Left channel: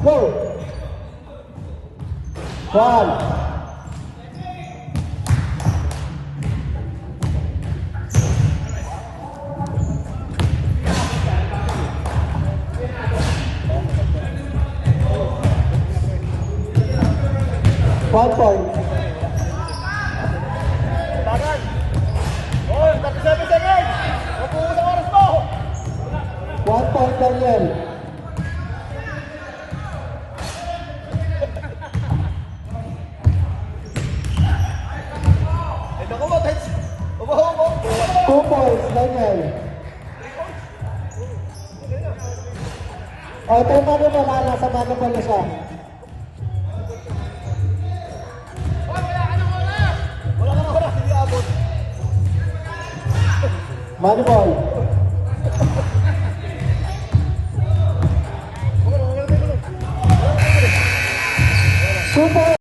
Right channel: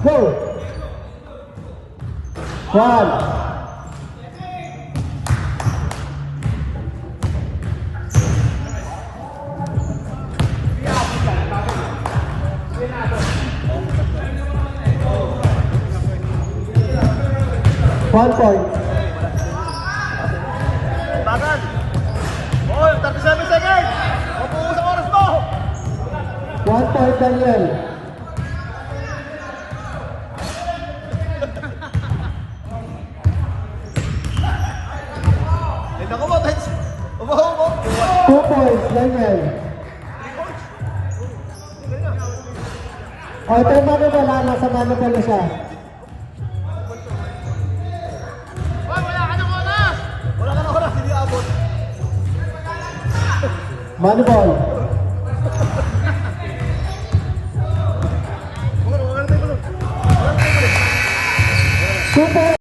Go! 1. One point. Tagal! Oh, 37 seconds! Mapuus ang oras mo! 1 point, Daniel. Eh, naku mo, Tets! Umahaw mo! 2 points, Daniel. O, ito yung wala, nasa mano pala siya. Wala ka ng oras, hindi abot. Money ball. Super.